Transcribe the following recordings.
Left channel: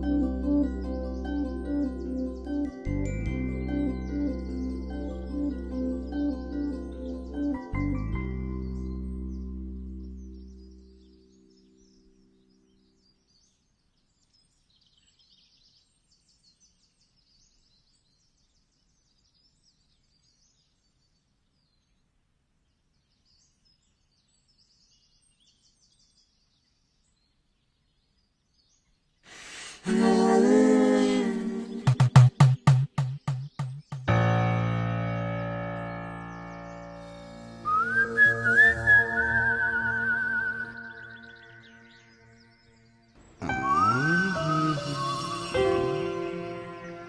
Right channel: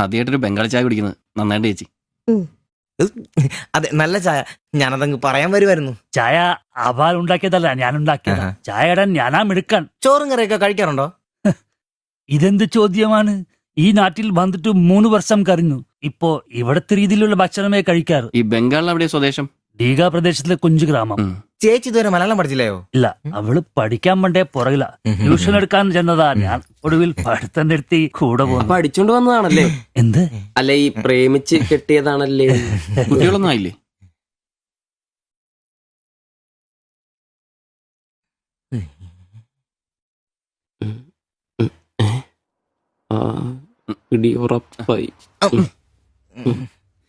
ആദ്യമായിട്ടൊരു ബംഗാളി ചായ കുടിക്കുന്നത് നന്നായിട്ട് ചേച്ചി. അതെ, നല്ല ചായ. ഞാനതങ്ങ് പറയാൻ വരുമായിരുന്നു. ചായ അപാൽ ഉണ്ടാക്കിയതല്ല, ഞാൻ ഉണ്ടാക്കിയതാ. ചായ ഇടാൻ ഞാനാ മിടുക്കാൻ. ചോറും കറിയൊക്കെ കഴിക്കാറുണ്ടോ? ഇതെന്ത് ചോദ്യമാണ്? ഈ നാട്ടിൽ വന്നിട്ട് 3 വർഷം കഴിഞ്ഞു. ഇപ്പോ ഇവിടത്തെ രീതിയിലുള്ള ഭക്ഷണമേ കഴിക്കാറ്. ഈ ബംഗാളിൽ എവിടെയാ സ്വദേശം? ഡീഗ പ്രദേശത്തിലെ കുഞ്ചു ഗ്രാമം. ചേച്ചി ഇതുവരെ മലയാളം പഠിച്ചില്ലയോ? ഇല്ല, അവള് പഠിക്കാൻ വേണ്ടേ പുറകില. ട്യൂഷൻ എടുക്കാൻ ചെന്നതാ. ഞാൻ ഒടുവിൽ പഠിത്തം നിർത്തി കൂടെ പോകുന്നു. പഠിച്ചോണ്ട് വന്നതാണല്ലേ? എന്ത്? അല്ല, ഈ പ്രേമിച്ച് കെട്ടിയതാണല്ലേ? കുട്ടികളൊന്നും ആയില്ലേ? ഉറപ്പായി.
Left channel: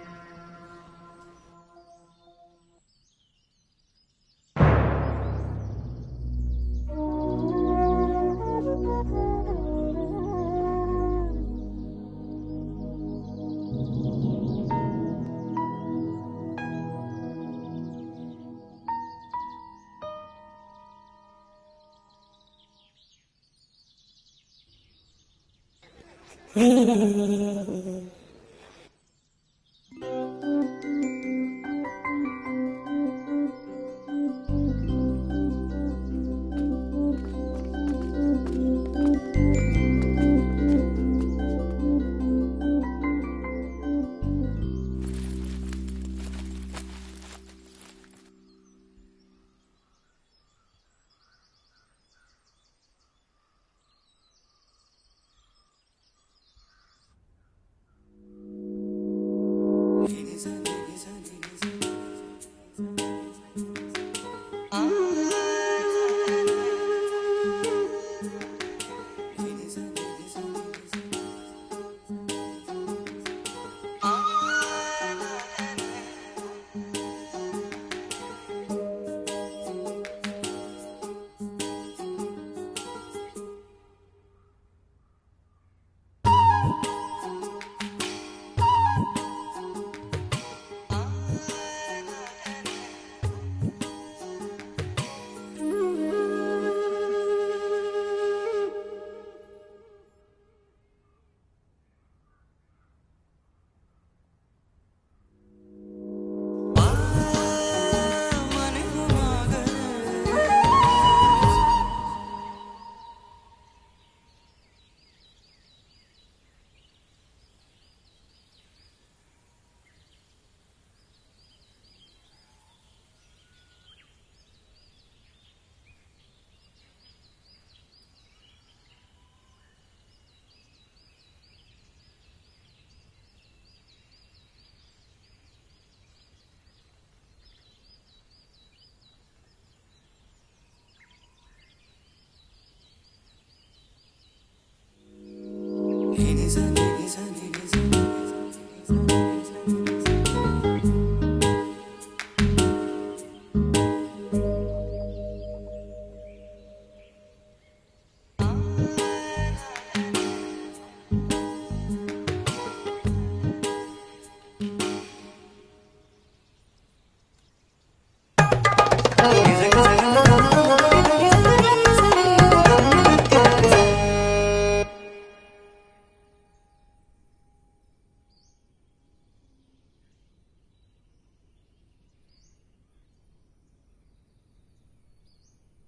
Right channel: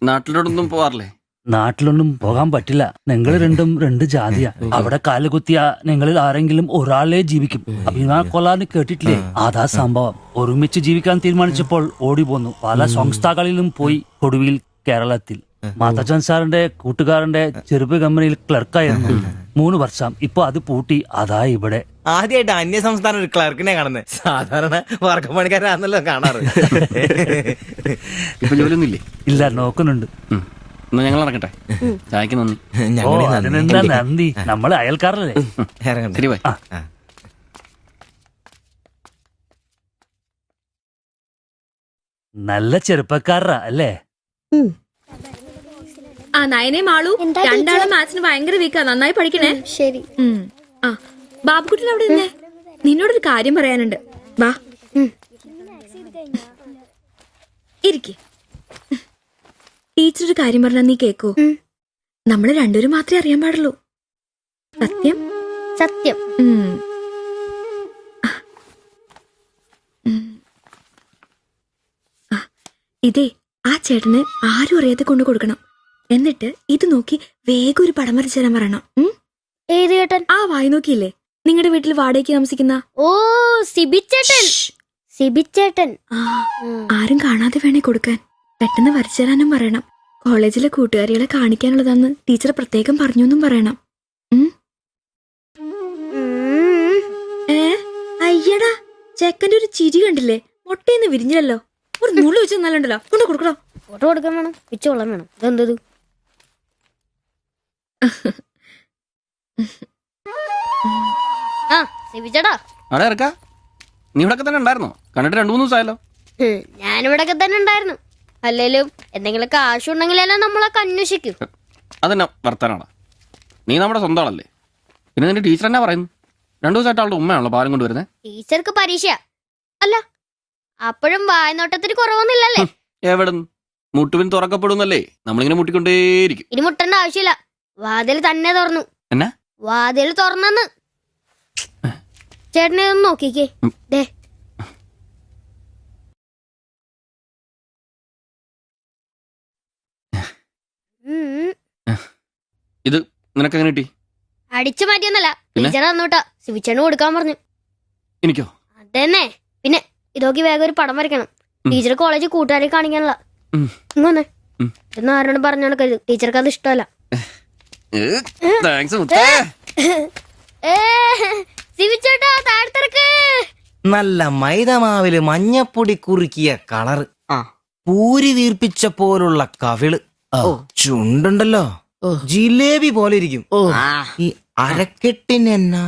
നാട്ടിലോട്ടൊന്നും പോവാറില്ലേ? നാട്ടിലൊന്നും പോകാൻ പറ്റില്ല. നിങ്ങൾ രണ്ടും 2 ജാതിയാ. അവിടെ കാലുകുത്തിയ നിങ്ങളിൽ ആരെങ്കിലും ഒരാളെ ജീവിക്കും. അഭിമാന കൊല്ലാന്ന് കേട്ടിട്ടില്ലേ? അതാ സംഭവം. ഒരുമിച്ച് ജീവിക്കാൻ തീരുമാനിച്ചപ്പോൾ ഓടി പോന്നു. പല സംസ്ഥാകളിലും പോയി. ഒടുവിൽ കേരളത്തിൽ മാതച്ചൻ സാറിന്റെ കൂട്ടുകാരന്റെ ചെറുപ്പ് കമ്പനിയിൽ ക്ലർക്കായിരുന്നു 3 വർഷം. ഇപ്പൊ അത് പൂട്ടി. അതാ ഇവിടെ. ആദ്യമായിട്ട് അന്യ സംസ്ഥാന ഒരു ക്ലർക്കിനെ കാണുന്നത്. സാധാരണ വർഗപ്പണിക്കാരാണല്ലോ കാണാറ്. ഇപ്പൊ ജോലിയൊന്നും ഇല്ലേ? ഇല്ല, നോക്കുന്നുണ്ട്. എന്നാ ഞങ്ങൾ ഇറങ്ങട്ടെ. ചായക്ക് നന്ദി. ഓ, അതിനെന്താ നന്ദി? നമ്മള് അയൽക്കാരല്ലേ? ശരി, ബൈ. നല്ല ചെറുപ്പക്കാരാ അല്ലേ? ആ നയനെ മാളു, രണ്ടാളും മാത്സിന് ഭയങ്കര വീക്കാ. നന്നായി പഠിക്കണേ. ശരി. ആ ബാബുക്കുട്ടൻ അവിടെ നിന്നേ, നിന്നോടൊരു കാര്യം പറയാനുണ്ട്. വാ ഇരിക്ക്. ടീച്ചർ ഒരു കാര്യം പറഞ്ഞാ നീ കേക്കൂ. നമ്മള് രണ്ടുപേരും മാത്രമേ അറിയാൻ പാടുള്ളൂ. സത്യം? സത്യം. ഇതേ ആ ചേട്ടന് ആരും അറിയാതെ കൊണ്ടു കൊടുക്കണം. എന്നിട്ട് ഇത് നോക്കി വേഗം ഒരു പടം വരച്ചു തരാൻ പറയണം. ഏത് ചേട്ടൻ? ആ വായി നോക്കിയില്ലേ, നിങ്ങളുടെ വീട്ടിൽ വാടകയ്ക്ക് താമസിക്കുന്ന? ഓ, സിബിച്ചേട്ടൻ. സിബിച്ചേട്ടൻ. ആരും കാണാതെ വേണേ കൊടുക്കാൻ. പെട്ടെന്ന് വരച്ചു തരാനും പറയണം. കോളേജിലെ കൂട്ടുകാരികളെ കാണിക്കാനുള്ളതാന്ന് ടീച്ചർ പ്രത്യേകം പറഞ്ഞു എന്നും പറയണം. അയ്യടാ, ചെക്കന്റെ ഒരു ചിരി കണ്ടില്ലേ? മുട്ടയെന്ന് വിരിഞ്ഞല്ലോ. ഒരു നൂല് വെച്ച് നല്ലുണ്ടല്ലോ. കൊണ്ട് കൊടുക്കണോ? ഫോട്ടോ കൊടുക്കാൻ വേണം, പിച്ചോളം വേണം. ഇതെന്തത്? ആ സിബിച്ചേട്ടാ. അവിടെ ഇറക്കാ. നീ ഇവിടെ തന്നെ ഉണ്ടായിരുന്നോ? കണ്ടിട്ട് 2-3 ദിവസമായല്ലോ. ഞാനിവിടൊക്കെ തന്നെ ഉണ്ടായിരുന്നു. അല്ലേലും എന്തെങ്കിലും കാശുണ്ടെങ്കിലെല്ലാം നമ്മളൊക്കെ അന്വേഷിക്കും. അതെന്നെ വർത്താനാണ്. നീ നമ്മുടെ സ്വന്തം ആളല്ലേ. പിന്നെ നിന്റെ ടീച്ചർ എന്നാ പറയുന്നു? 2 ദിവസമായിട്ട് അവളുടെ ഉമ്മയാണല്ലോ പാലും കൊണ്ടുവരുന്നത്. ടീച്ചർക്ക് പരീക്ഷ അല്ല, അപ്പോഴും വായനോട്ടത്തിന് കുറവൊന്നുമില്ലല്ലേ? എവിടെന്ന്? മുട്ടുവിൻ തുറക്കപ്പെടുന്നല്ലേ, നമ്മളിങ്ങനെ മുട്ടിക്കൊണ്ടേയിരിക്കും. ഇനി മുട്ടേണ്ട ആവശ്യമില്ല. വാതിൽ തന്നെ തുറന്നു. എന്നാ വാതിൽ തുറന്നെന്ന്. ചേട്ടനെ ഒന്ന് നോക്കിക്കേ. ദേ ഇത് നിനക്കെങ്ങനെ കിട്ടി? അടിച്ചു മാറ്റിയൊന്നല്ല, ടീച്ചർ തന്നോട്ടാ. ശിവിച്ചേണ് കൊടുക്കാൻ പറഞ്ഞു. എനിക്കോ? തന്നെ. പിന്നെ ഇതൊക്കെ വേഗം ഒരു പടം വരയ്ക്കണം. ടീച്ചർ കോളേജിൽ കൂട്ടുകാരെ കാണിക്കാനുള്ള. ഇങ്ങനെ എന്ന് ആരോട് പറഞ്ഞു നടക്കരുത്. ടീച്ചർക്ക് അത് ഇഷ്ടമല്ല. നല്ല മൈദമാവില് മഞ്ഞപ്പൊടി കുറുക്കിയ കളറ്, പൂരി വീർപ്പിച്ച പോലുള്ള കവിള്, ചുണ്ടുണ്ടല്ലോ ജിലേബി പോലെ ഇരിക്കും. ഈ അരക്കെട്ടിനെന്നാ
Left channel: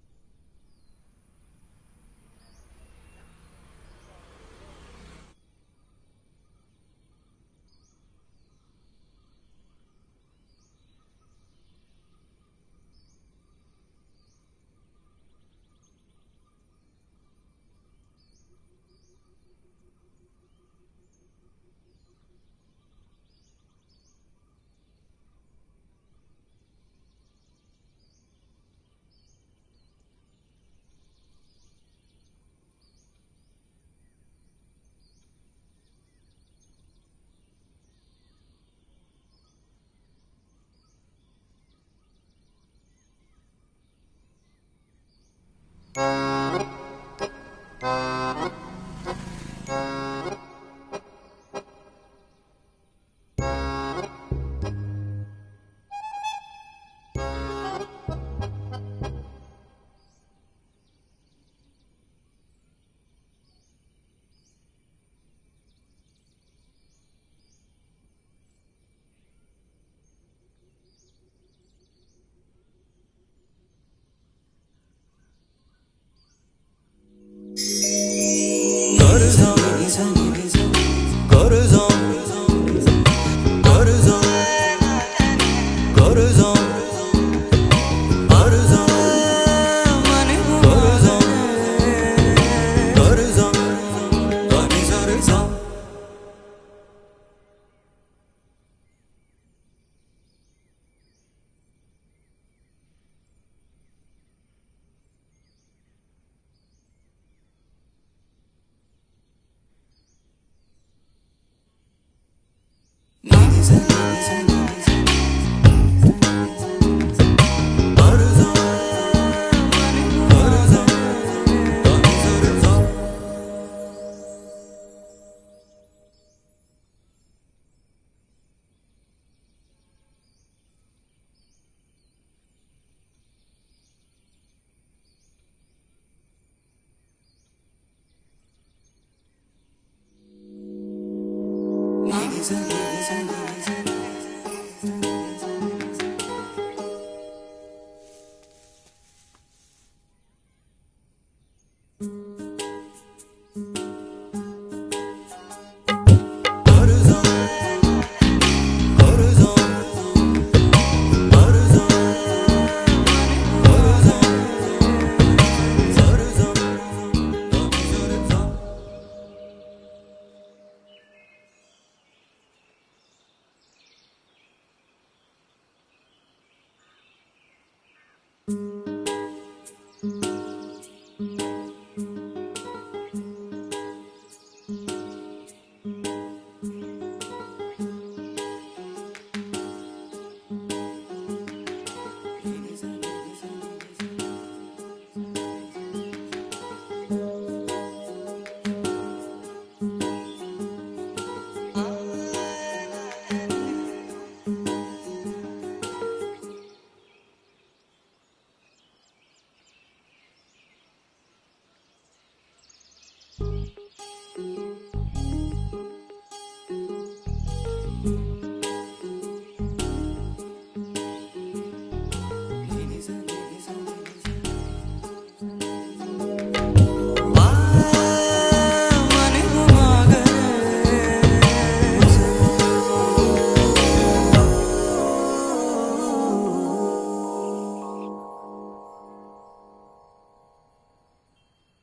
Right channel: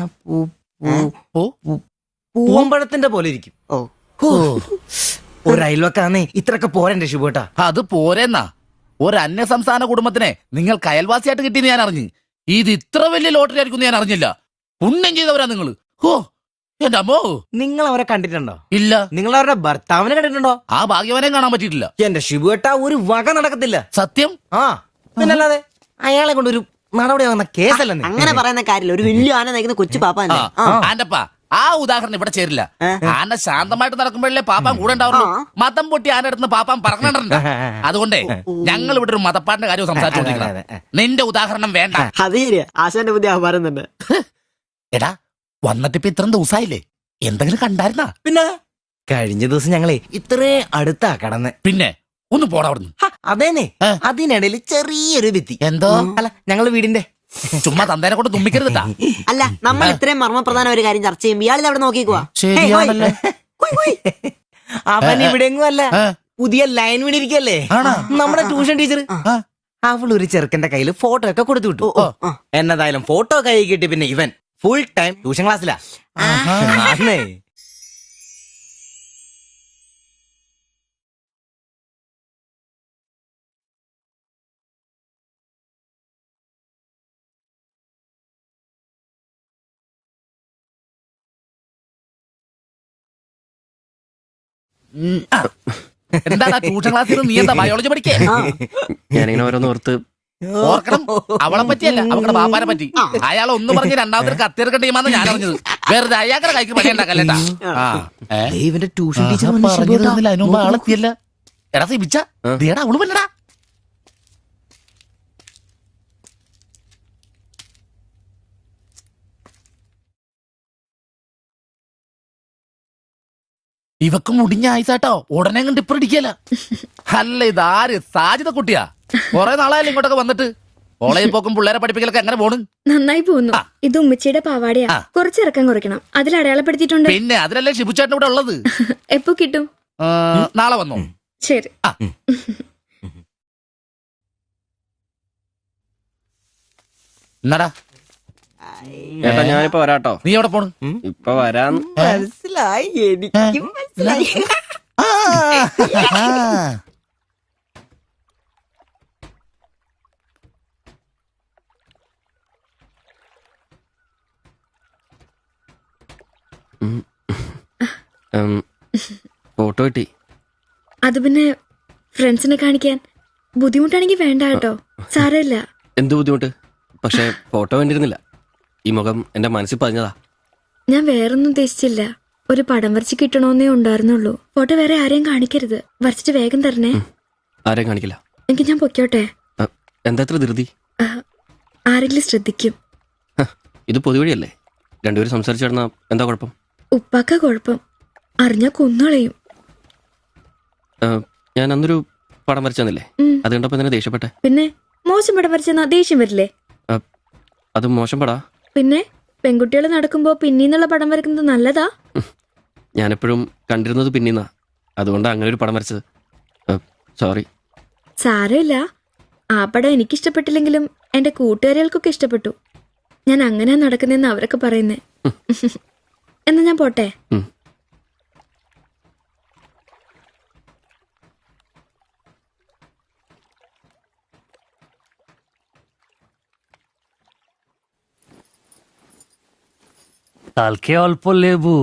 പൂവമ്പഴത്തിന്റെ പോലെ ഇരിക്കും. ഒരു അയൽവക്കാന്നേ ഇത്രയൊക്കെ പോരന്റെ ശുഭേട്ടാ. അത് പോരെന്നാ. ഒരു അന്യ സംസ്ഥാന കുടുംബത്തിനെ നിങ്ങൾക്ക് അയൽവാസിയായിട്ട് കിട്ടിയെന്ന് ഞാൻ അറിഞ്ഞു. ഇത് ഇത്ര വലിയ ലോട്ടറി ആയിരിക്കും ഞാൻ അറിഞ്ഞില്ല. പുണ്യം ചെയ്തവരാ നിങ്ങള്. ഓ എന്റെ അമ്മോ. നിങ്ങൾ അവരെ കണ്ടിട്ടുണ്ടോ? ഇല്ല. നിങ്ങൾ അവരുടെ ഭർത്താവിനെ കണ്ടിട്ടുണ്ടോ? ആ ഭാഗ്യവനെ കാണാൻ പറ്റിയിട്ടില്ല. എന്റെ ശുഭേട്ടാ, ഒരു വക നടക്കത്തില്ല. സത്യം. ആ പിന്നല്ലാതെ അയാളെ കൊണ്ട് ഒരു നടപടി വന്ന കേസല്ല. അങ്ങനെ പറയുന്ന കാര്യമില്ല. ഒരു വലിയ ആന നയിക്കുന്ന കൊച്ചു പാപ്പ. ആന്റപ്പാ, ആ ഉദാഹരണം ഇവിടെ ചേരില്ല. ആന ശാന്തമായിട്ട് നടക്കുമ്പോഴല്ലേ പാപ്പാൻ കൂടെ ഉണ്ടാവുള്ളൂ. മതം പൊട്ടി ആന അടുത്ത് പാപ്പാൻ പറഞ്ഞിട്ടുണ്ട്. അതുകൊണ്ടേ ഞങ്ങൾ ഇവിടെ ഒരു മതപ്പാടിന്റെ കാര്യം സംസാരിച്ചോണ്ടിരിക്കണം. നിന്റെ ഉദാഹരണം വേണ്ട. അത് ശരിയാ, ആശാന്റെ പുതിയ ആഭാരം. എടാ, വന്നിട്ടിപ്പോ ഇത്രയും ദിവസമായില്ലേ, എന്തെങ്കിലും കണ്ടായിരുന്നാ? പിന്നെ കഴിഞ്ഞ ദിവസം ഞങ്ങളെ ഇത്രേ അടുത്താ കടന്ന്. പിന്നെ ഒന്ന് പോടാ അവിടുന്ന്. അതേനെ, അതിനിടയിൽ ചെറിയൊരു ഭിത്തി. എന്തോ? അല്ല, ഞങ്ങള് വീടിന്റെ. ചുമ്മാ തന്തേനെ കൊണ്ട് തുമ്മിക്കരുതാ. അല്ല, നമ്മൾ ഇത്രയും മർമ്മപ്രധാന ഒരു കാര്യം ചർച്ച ചെയ്യുമ്പോൾ ഇയാളിത് അവിടെ നോക്കിക്കുവാ. ശരിയാണല്ലോ. അവൻ ഇവിടെ എങ്ങും അല്ല, പുതിയ ലൈൻ വീണിരിക്കല്ലേ നമ്മുടെ ട്യൂഷൻ ടീച്ചർ അവളൊരു ചെറുക്കന്റെ കയ്യിൽ ഫോട്ടോ ഒക്കെ കൊടുത്തു വിട്ടു. എന്നതായാലും ഫോട്ടോ കൈ കിട്ടി പിന്നെ ഇവൻ ഫുൾ ടൈം ട്യൂഷൻ ക്ലാസ്സിലാ. ആന്നേ. എന്താ ട്യൂഷൻ ക്ലാസ്സിൽ നീ എന്താ ബയോളജി പഠിക്കേ? ഞാനിങ്ങനെ ഓരോന്ന് ഓർത്ത് ഓർക്കണം, അവളെ പറ്റിയല്ല അവളുടെ ബാപ്പാനെ പറ്റി. അയാൾ ഒന്ന് പറഞ്ഞ് രണ്ടാമത്തെ കത്തിയെടുക്കേണ്ട ടീമാന്ന് ഞാൻ അറിഞ്ഞത്. വെറുതെ അയാളുടെ കൈക്ക് പണി ഉണ്ടാക്കല്ലേട്ടാ. ഇവന്റെ ട്യൂഷൻ ടീച്ചർ അതിനുമ്പ് ആളെത്തിയല്ല. എടാ സിബിച്ച ദേടാ അവള് പറ്റടാ. ഇവക്ക് മുടിഞ്ഞ ആയിസാട്ടോ ഉടനെ കണ്ട് ഇപ്പൊ ഇടിക്കല. അല്ല ഇതാര് സാജിത കുട്ടിയാ? കൊറേ നാളായാലും ഇങ്ങോട്ടൊക്കെ വന്നിട്ട്. കോളേജിൽ പോക്കും പിള്ളേരെ പഠിപ്പിക്കലൊക്കെ എങ്ങനെ പോണ്? നന്നായി പോകുന്നു. ഇത് ഉമ്മച്ചിയുടെ പാവാടയാ. കുറച്ചിറക്കം കുറയ്ക്കണം. അതിൽ അടയാളപ്പെടുത്തിയിട്ടുണ്ട്. പിന്നെ അതിലല്ലേ ഷിബുച്ചേട്ടൻ ഇവിടെ ഉള്ളത്. എപ്പോ കിട്ടും? നാളെ വന്നോ? ശരി. എന്നാടാ ചേട്ടാ ഞാനിപ്പോ വരാട്ടോ. നീ എവിടെ പോണ്? ഇപ്പൊ വരാൻ. മനസ്സിലായി, എനിക്കും മനസ്സിലായി. ഫോട്ടോ കിട്ടി. അത് പിന്നെ ഫ്രണ്ട്സിനെ കാണിക്കാൻ ബുദ്ധിമുട്ടാണെങ്കിൽ വേണ്ട കേട്ടോ. സാരമില്ല. എന്ത് ബുദ്ധിമുട്ട്? പക്ഷെ ഫോട്ടോ വേണ്ടിയിരുന്നില്ല. ഈ മുഖം എന്റെ മനസ്സിൽ പതിഞ്ഞതാ. ഞാൻ വേറൊന്നും ഉദ്ദേശിച്ചില്ല. ഒരു പടം വരച്ച് കിട്ടണമെന്നേ ഉണ്ടായിരുന്നുള്ളൂ. ഫോട്ടോ വേറെ ആരെയും കാണിക്കരുത്. വരച്ചിട്ട് വേഗം തരണേ. ആരെയും കാണിക്കില്ല. എനിക്ക് ഞാൻ പൊയ്ക്കോട്ടെ. എന്താ ഇത്ര ധൃതി? ആരെങ്കിലും ശ്രദ്ധിക്കും. ഇത് പൊതുവഴിയല്ലേ? രണ്ടുപേരും സംസാരിച്ചു കിടന്നാ എന്താ കുഴപ്പം? ഉപ്പാക്ക കുഴപ്പം. അറിഞ്ഞാ കൊന്നുകളയും. ഞാൻ അന്നൊരു പടം വരച്ചു തന്നില്ലേ? അത് കണ്ടപ്പോ തന്നെ ദേഷ്യപ്പെട്ടെ. പിന്നെ മോശം പടം വരച്ചെന്നാ ദേഷ്യം വരില്ലേ? അത് മോശം പടാ. പിന്നെ പെൺകുട്ടികൾ നടക്കുമ്പോ പിന്നീന്നുള്ള പടം വരക്കുന്നത് നല്ലതാ. ഞാനെപ്പോഴും കണ്ടിരുന്നത് പിന്നീന്നാ. അതുകൊണ്ടാ അങ്ങനെ ഒരു പടം വരച്ചത്. സോറി. സാരമില്ല. ആ പടം എനിക്കിഷ്ടപ്പെട്ടില്ലെങ്കിലും എന്റെ കൂട്ടുകാരികൾക്കൊക്കെ ഇഷ്ടപ്പെട്ടു. ഞാൻ അങ്ങനെയാ നടക്കുന്നതെന്ന് അവരൊക്കെ പറയുന്നേ. എന്നാ ഞാൻ പോട്ടെ. কালকে অল্প লেবু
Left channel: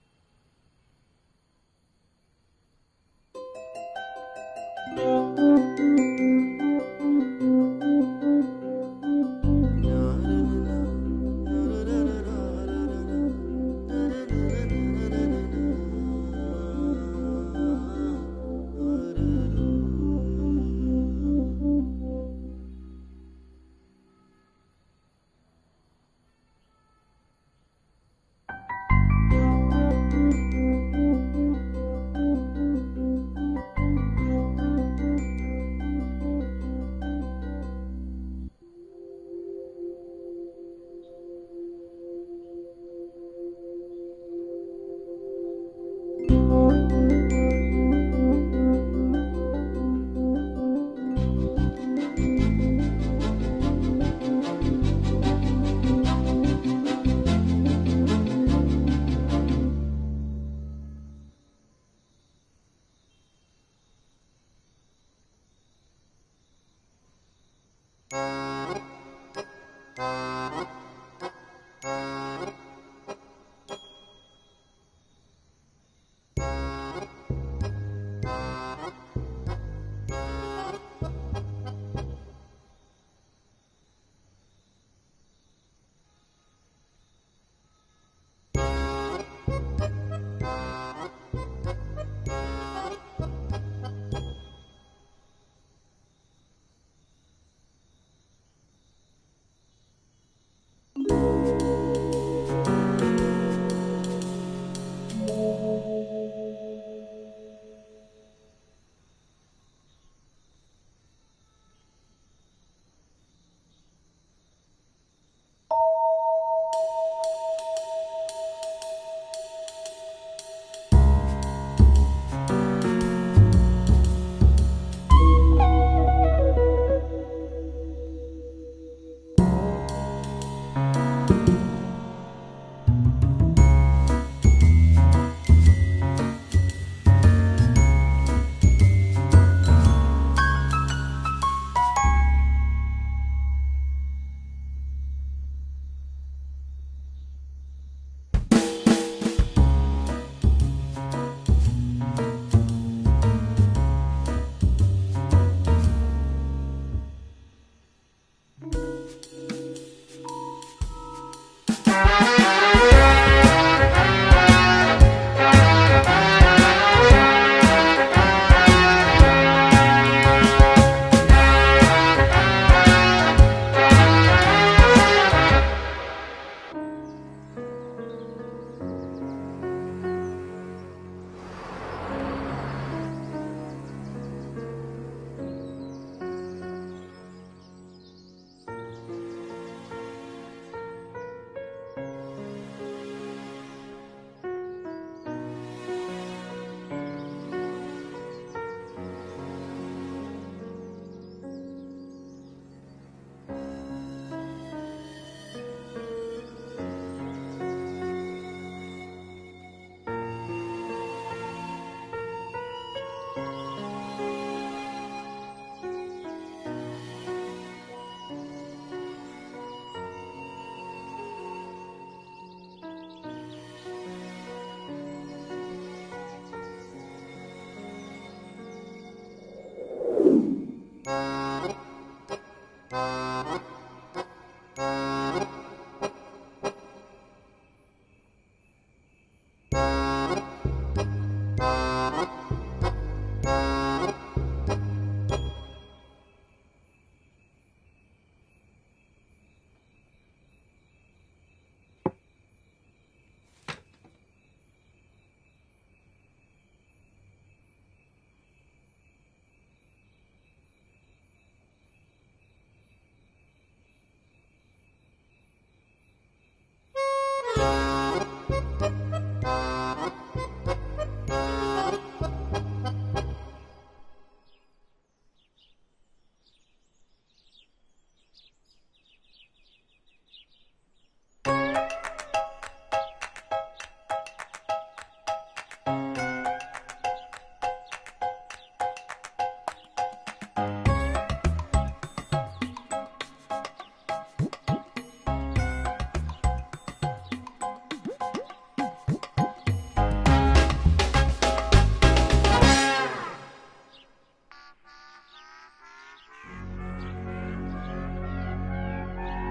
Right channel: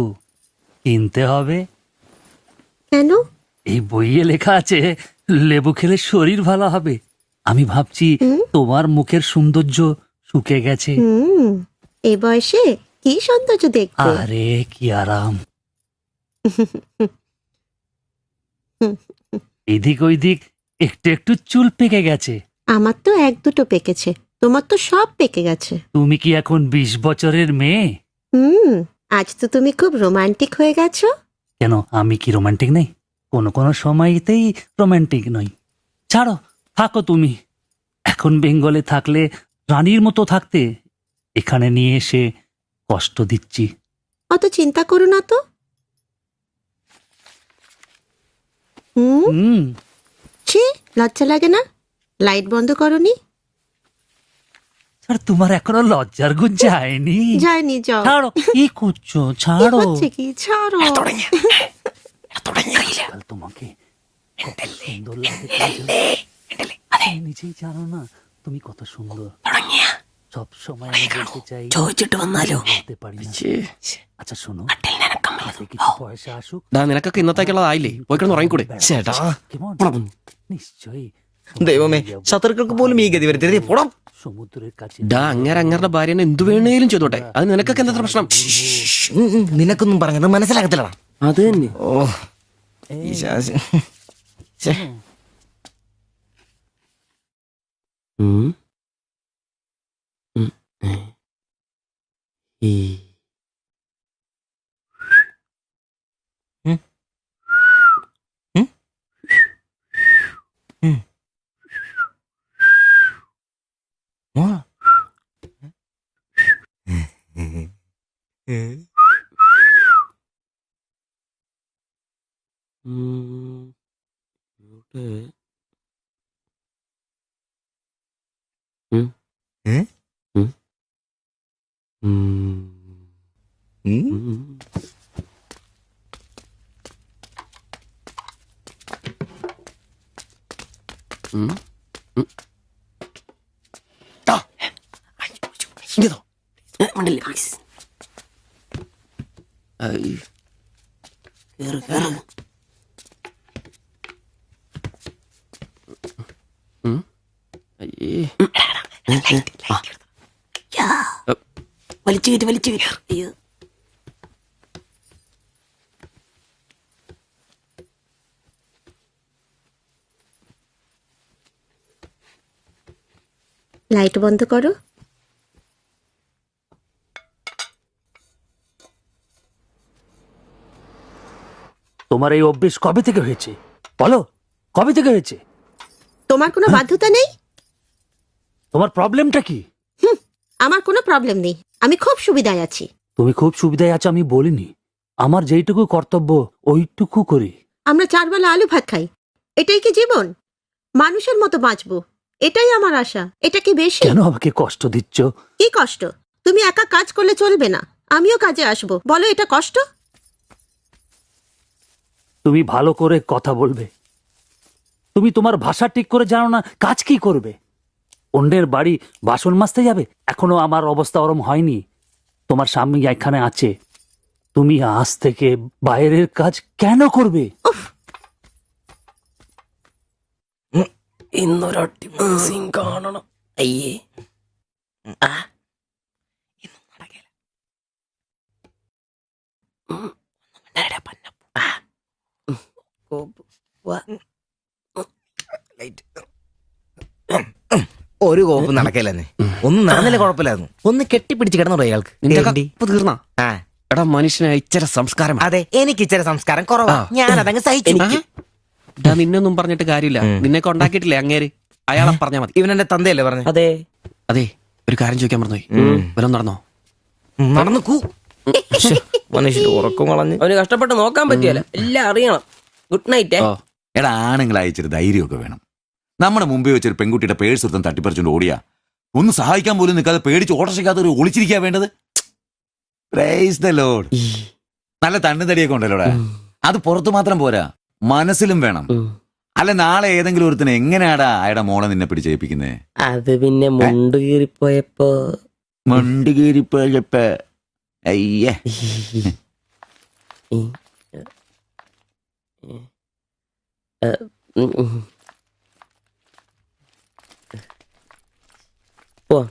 কিনতে হবে। কেন? এই বইয়ে লেখা আছে লেবু খেলে শরীর ভালো হবে। আমি ভাবছি তোমার মুখের সৌন্দর্য শুকে গেছে। এই বয়সে কি সৌন্দর্য দেখবে? আরে কি আরাম। এদিক ওইদিক একটু একটু চুল পেকে গেছে। আমার তো এক দুটো পেকেছে, তোমার তো সব পেকে গেছে। তুমি কি এখন 20 বছরের মেয়ে? আজ তো তুমি খুব রোমান্টিক হয়ে গেছো। কেন আমি কি রোমান্টিক নেই? কোনো কোনো সময়তেই রোমান্টিক নই। ছাড়ো, থাকো তুমি। এখন বেঙ্গলে থাকলে রানীর মতো থাকতে, এখানে নিয়ে এসে কষ্ট দিচ্ছি। অত চিন্তা করো না তো। ছি, লজ্জা লাগে না? লাইট বন্ধ করনি? আর তোমার এখনো লজ্জার গুণ যায়নি? যায়নি, যাও। ছাড়ো, কি করছো? কি ছাড়ো। হচ্ছে কি? ছাড়ো। আজকাল তোমাকে কত সুন্দর লাগে তুমি নিজেই জানো না তুমি কত সুন্দর। সবসময় আমি বলতে চাই ചോദിച്ചിട്ട് വന്നാലോ? বলতে পারি না। আচ্ছা শোনো, হাতে কিছু পয়সা আসুক। നിനക്കൊക്കെ ഇന്നത്തേക്കുള്ളതായില്ലേ? പോയിക്കിടന്ന് ഉറങ്ങിക്കൂടെ? ചേട്ടാ, কেমন? നിശ്ചയই ദൈവമേ, ശത്രുക്കൾക്ക് പോലും ഈ ഗതി വരുത്തരുതേ. പോടാം. সমুদ্রের কাছে അങ്ങരുടെ ഭാര്യനെ എന്തു വേണേലും ചെയ്തോട്ടെ. അത് നിനക്കൊക്കെ എന്താ പ്രശ്നം? നിനക്കൊന്നും പറഞ്ഞത് മനസ്സിലാകത്തില്ലടാ. അത് തന്നെ. ഓ ഈ ശാസി. ഛെ. ഉം. ഉം. പ്ലീസ്. അയ്യേ. വലിച്ചു വലിച്ചു. লাইট বন্ধ করো। তোমার এই অভ্যেস কবে থেকে হয়েছে বলো, কবে থেকে হয়েছে? তোমার কোনো বাধ্যতা নেই। তোমার প্রবলেমটা কি? আমার কোনো প্রবলেম নেই, আমি খুব সুবিধায় আছি। তুমি খুব সুবিধায় আছো আমি বলিনি, আমার যেইটুকু কর্তব্য ওইটুকু করি। আমরা 4 বেলা আলু ভাত খাই, এটাই কি জীবন? মানুষের মতো বাঁচবো, এটাই আমার আশা। এটা কি বেশি? কেন আমাকে কষ্ট দিচ্ছ? কি কষ্ট? তুমি একা কাজ করলে চলবে না, আমিও কাজে আসবো। বলো এটা কষ্ট? তুমি ভালো করে কথা বলবে। তুমি তোমার ভাষা ঠিক করে জানো না, কাজ কি করবে? অন্যের বাড়ি বাসন মাজতে যাবে? এখনো আমার অবস্থা ওরম হয়নি। তোমার স্বামী এখানে আছে, তুমি আজ থেকে বাইরের কাজ কেন করবে? ഇന്നൊരൊട്ടി സീൻ കാണണം. അയ്യേ. ഒരു കോപ്പ് നടക്കില്ലെന്ന്. ഒന്നും നടന്നില്ല കുഴപ്പമില്ലായിരുന്നു. ഒന്ന് കെട്ടിപ്പിടിച്ച് കിടന്നു അയാൾക്ക്. നിന്റെ ഏണ്ടി? കപ്പ് തീർന്നാ? ആ, എടാ മനുഷ്യനെ ഇച്ചിരി സംസ്കാരം വേണം. അതെ, എനിക്ക് ഇച്ചിരി സംസ്കാരം കുറവാ. ഞാൻ അതങ്ങ് സഹിച്ചു. എടാ നിന്നൊന്നും പറഞ്ഞിട്ട് കാര്യമില്ല. നിന്നെ കൊണ്ടാക്കിയിട്ടില്ലേ അങ്ങേര്? അയാളെ പറഞ്ഞാ മതി. ഇവനെന്റെ തന്തയല്ലേ പറഞ്ഞു? അതെ. അതെ, ഒരു കാര്യം ചോദിക്കാൻ മറന്നുപോയി. വല്ലതും നടന്നോ? നടന്നു മനുഷ്യർ ഉറക്കം കളഞ്ഞ്. അവന് കഷ്ടപ്പെട്ട് നോക്കാൻ പറ്റിയല്ല, എല്ലാം അറിയണം. Good night. ഓ. എടാ ആണുങ്ങളായി ഇച്ചിരി ധൈര്യമൊക്കെ വേണം. നമ്മുടെ മുമ്പേ വെച്ചൊരു പെൺകുട്ടിയുടെ പേഴ്സ് ഒരുത്തൻ തട്ടിപ്പറിച്ചുകൊണ്ട് ഓടിയാ ഒന്ന് സഹായിക്കാൻ പോലും നിൽക്കാതെ പേടിച്ച് ഓട്ടർഷയ്ക്കകത്ത് ഒരു ഒളിച്ചിരിക്കാ വേണ്ടത്. Praise the Lord. നല്ല തണ്ണുതടിയൊക്കെ ഉണ്ടല്ലോടാ. അത് പുറത്ത് മാത്രം പോരാ, മനസ്സിലും വേണം. അല്ല നാളെ ഏതെങ്കിലും ഒരുത്തനെ എങ്ങനെയാടാ അയാളുടെ മോളെ നിന്നെ പിടിച്ചേൽപ്പിക്കുന്നേ? അത് പിന്നെ മുണ്ട് കീറിപ്പോയപ്പോ മണ്ടി കീറിപ്പോയപ്പോ അയ്യേ. പോവാം.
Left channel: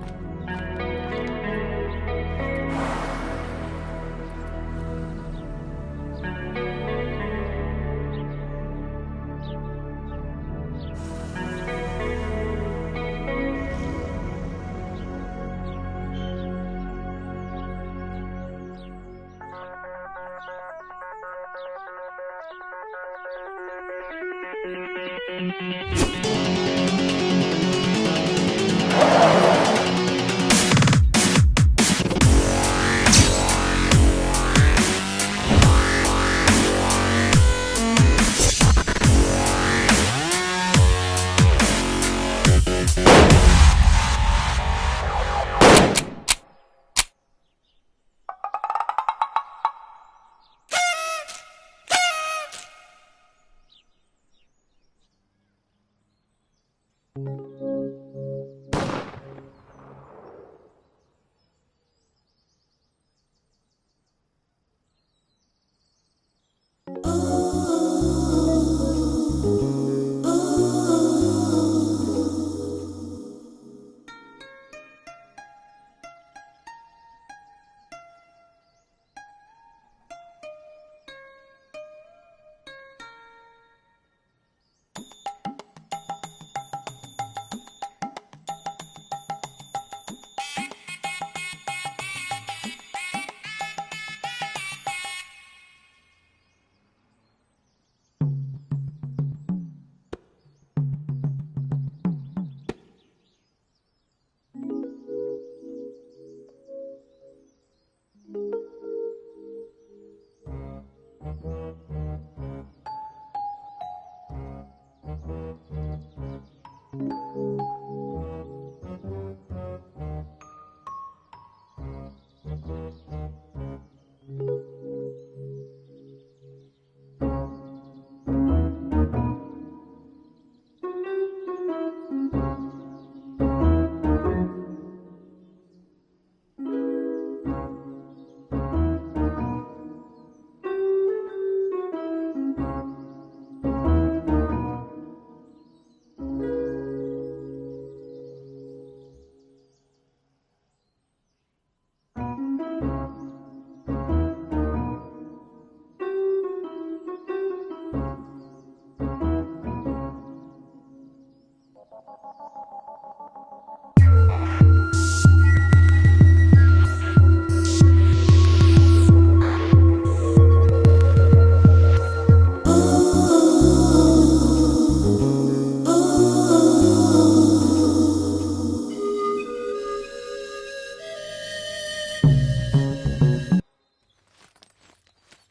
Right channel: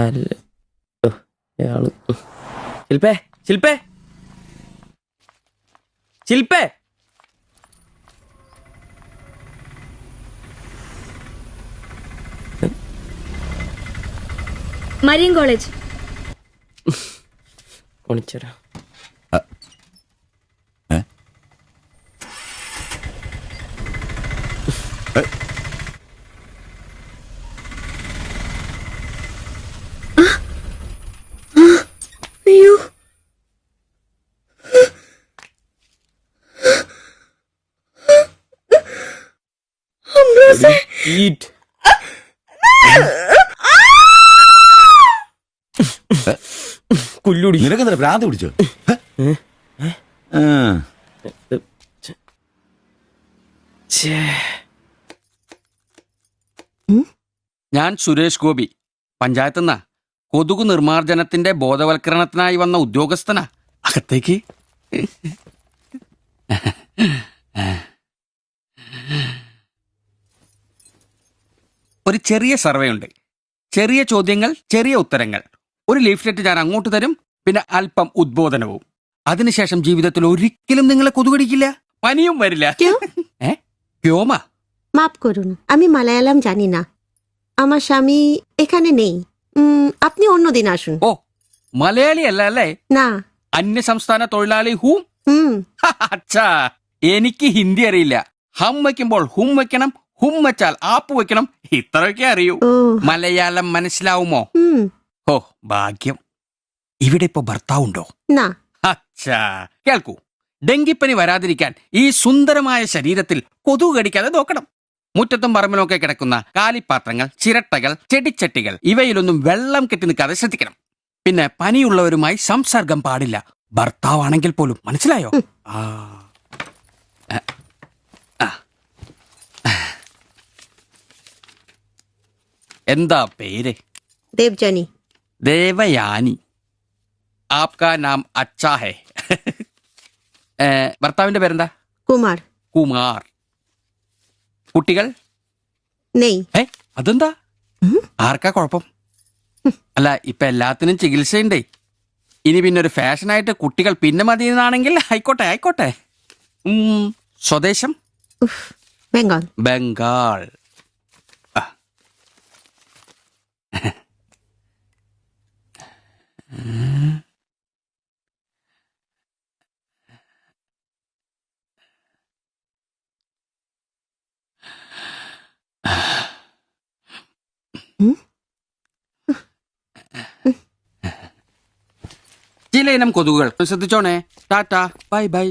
അല്ല. ശില്പേ, ശില്പേ, ശില്പേ. Marian college. വിളിച്ചോരാ. അയ്യോ, കുല്ലുടി. നിനക്കെന്താ ഭ്രാന്ത് പിടിച്ചോ? ഞാൻ സുരേഷ് ഗോപി, പഞ്ചായത്തുനിന്നാ. കൊതുകു നിർമ്മാർജ്ജനത്തിന്റെ ബോധവൽക്കരണത്തിനായി വന്ന ഉദ്യോഗസ്ഥനാ. അകത്തേക്ക്. ഒരു ചെറിയ സർവേ ഉണ്ട്. ചെറിയ ചോദ്യങ്ങൾ, ചെറിയ ഉത്തരങ്ങൾ. ഒരു ലീഫ്ലെറ്റ് ഞാൻ അങ്ങോട്ട് തരും, പിന്നെ അല്പം ഉദ്ബോധനവും. അതിനുശേഷം ജീവിതത്തിൽ ഒരിക്കലും നിങ്ങളെ കൊതുകടിക്കില്ല, പനിയും വരില്ല. വ്യോമ মাফ করুন, আমি মালায়ালাম জানি না, আমার স্বামী এখানে নেই। আপনি অন্যদিন আসুন। ഓ, മലയാളി അല്ല അല്ലേ? না। അന്യ സംസ്ഥാന തൊഴിലാളി ഹൂ? അച്ഛാ, എനിക്ക് ഹിന്ദി അറിയില്ല. ഹം വെക്കുമ്പോൾ ഹും വെക്കണം, ഹും വെച്ചാൽ ആപ്പ് വെക്കണം, ഇത്രയൊക്കെ അറിയൂ. മലയാളം മനസ്സിലാവുമോ? ഓ ഭാഗ്യം. ഇവിടെ ഇപ്പൊ ഭർത്താവുണ്ടോ? না। അച്ഛാ കേൾക്കൂ, ഡെങ്കിപ്പനി വരാതിരിക്കാൻ ഈ സുന്ദരമായ ശരീരത്തിൽ കൊതുക് കടിക്കാതെ നോക്കണം. മുറ്റത്തും പറമ്പിലൊക്കെ കിടക്കുന്ന കാലിപ്പാത്രങ്ങൾ, ചിരട്ടകൾ, ചെടിച്ചട്ടികൾ ഇവയിലൊന്നും വെള്ളം കെട്ടി നിൽക്കാതെ ശ്രദ്ധിക്കണം. പിന്നെ പനിയുള്ളവരുമായി സംസർഗം പാടില്ല, ഭർത്താവാണെങ്കിൽ പോലും. മനസ്സിലായോ? എന്താ പേര്? देवजानी ദേവയാനി. ആപ്കാ നാം അച്ഛാ ഹേ. ഭർത്താവിന്റെ പേരെന്താ? कुमार കുമാർ. കുട്ടികൾ? नहीं ഏ അതെന്താ? ആർക്കാ കുഴപ്പം? അല്ല ഇപ്പൊ എല്ലാത്തിനും ചികിത്സയുണ്ടേ. ഇനി പിന്നെ ഒരു ഫാഷനായിട്ട് കുട്ടികൾ പിന്നെ മതി എന്നാണെങ്കിൽ ആയിക്കോട്ടെ ആയിക്കോട്ടെ. സ്വദേശം? बंगाल ബംഗാൾ. ആ. ചിലയിനം കൊതുകുകൾ ശ്രദ്ധിച്ചോണേ. Tata bye bye.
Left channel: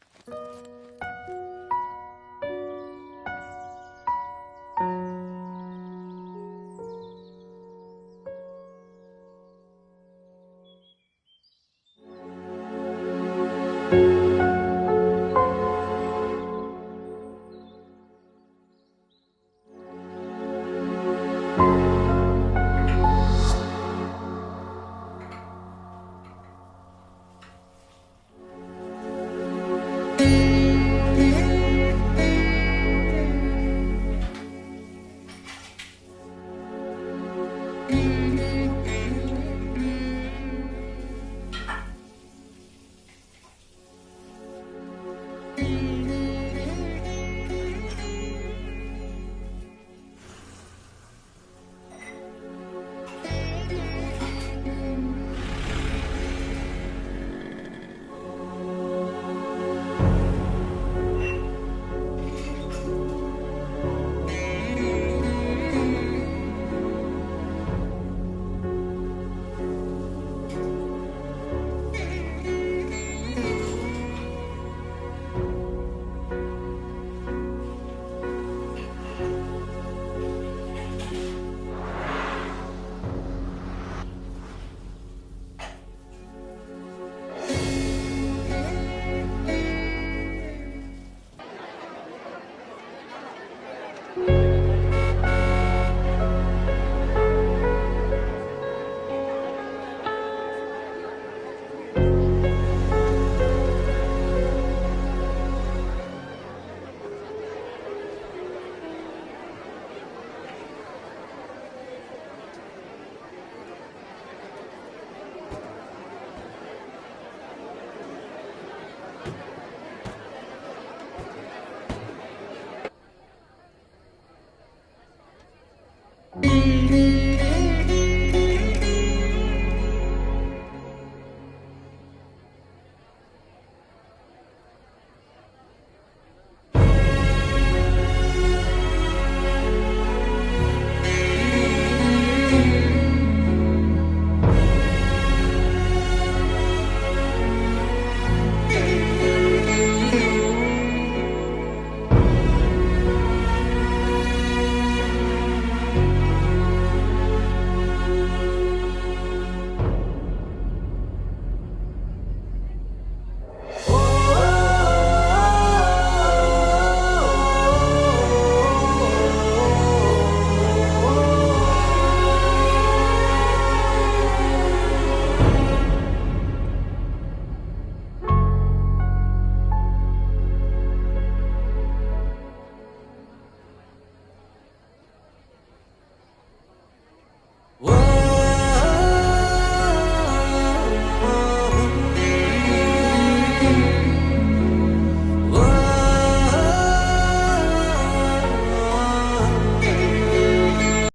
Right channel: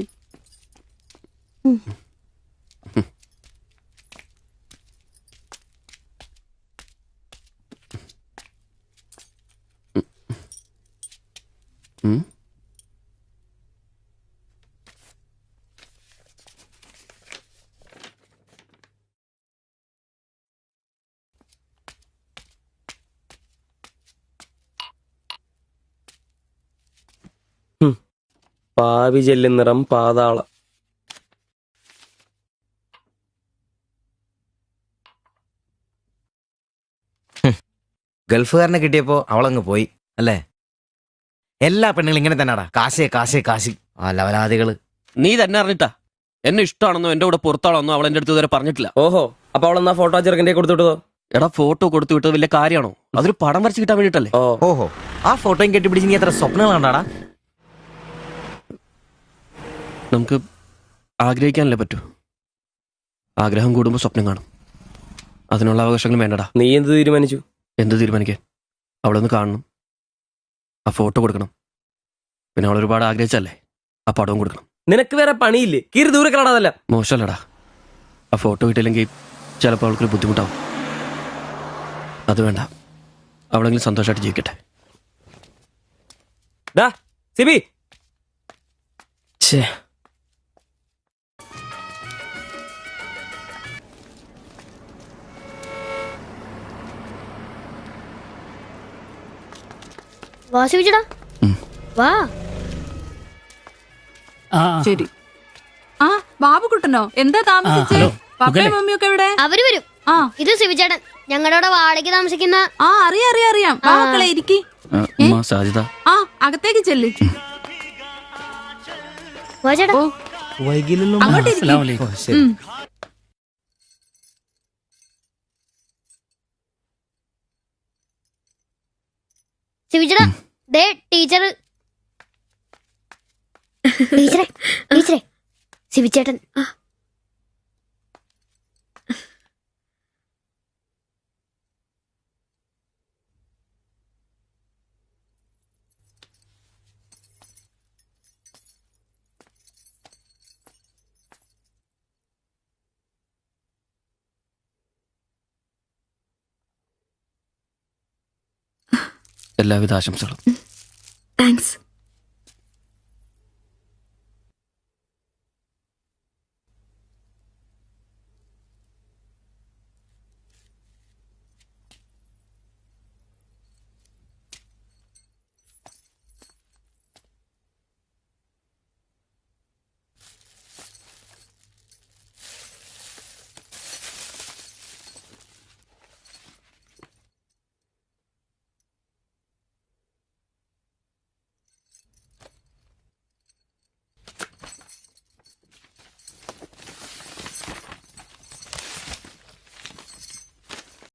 പാവി ചെല്ലുന്നിറം പാതാളം. ഗൾഫുകാരനെ കിട്ടിയപ്പോ അവളങ്ങ് പോയി അല്ലേ? എല്ലാ പെണ്ണുങ്ങളും ഇങ്ങനെ തന്നെയാടാ, കാശേ കാശേ കാശി. ആ ലവലാദികള്. നീ തന്നെ അറിഞ്ഞിട്ടാ എന്നെ ഇഷ്ടമാണെന്നോ എന്റെ കൂടെ പുറത്താണെന്നോ അവൾ എന്റെ അടുത്ത് ഇതുവരെ പറഞ്ഞിട്ടില്ല. ഓഹോ, അപ്പൊ അവളെന്നാ ഫോട്ടോ ചെറുക്കൻ്റെ കൊടുത്തുവിട്ടതോ? എടാ ഫോട്ടോ കൊടുത്തു വിട്ടത് വലിയ കാര്യമാണോ? അതൊരു പടം വരച്ച് കിട്ടാൻ വേണ്ടിട്ടല്ലേ. ഓഹോ, ആ ഫോട്ടോയും കെട്ടിപ്പിടിച്ച് നീ എത്ര സ്വപ്നങ്ങൾ കണ്ടാടാ? നമുക്ക് ആഗ്രഹിക്കാനല്ലേ പറ്റൂ. ആഗ്രഹം കൂടുമ്പോൾ സ്വപ്നം കാണും. അതിനുള്ള അവകാശങ്ങൾ വേണ്ടടാ. നീ എന്ത് തീരുമാനിച്ചു? എന്ത് തീരുമാനിക്കാൻ? അവളൊന്ന് കാണണം, ആ ഫോട്ടോ കൊടുക്കണം, പിന്നെ അവൾ ഒരുപാട് ആഗ്രഹിച്ചല്ലേ ആ പടവും കൊടുക്കണം. നിനക്ക് വേറെ പണിയില്ലേ? കീറി ദൂരെ കളാതല്ല. മോശമല്ലടാ, ആ ഫോട്ടോ കിട്ടിയില്ലെങ്കിൽ ചിലപ്പോൾ അവൾക്കൊരു ബുദ്ധിമുട്ടാവും. അത് വേണ്ട, അവളെങ്കിലും സന്തോഷമായിട്ട് ജീവിക്കട്ടെ. സിബി, വാ ശിവചേട്ടാ, വാ. ശരി. ആ ബാബുക്കുട്ടനോ, എന്താ താമസിച്ചേ? പപ്പയും മമ്മിയൊക്കെ എവിടെ? അവര് വരും. ആ ഇത് ശിവചേട്ടൻ, ഞങ്ങളുടെ വാടകയ്ക്ക് താമസിക്കുന്ന. ആ അറിയാം. വാ മക്കളെ, ഇരിക്കി. സാധ്യത ആ അകത്തേക്ക് ചെല്ല്. വാ ചേട്ടാ. ഓ അങ്ങോട്ട് ഇരിക്ക്. ശിവചേട്ടാ, ദേ ടീച്ചർ. ടീച്ചറെ ശിവചേട്ടൻ. എല്ലാവിധ ആശംസകളും. താങ്ക്സ്.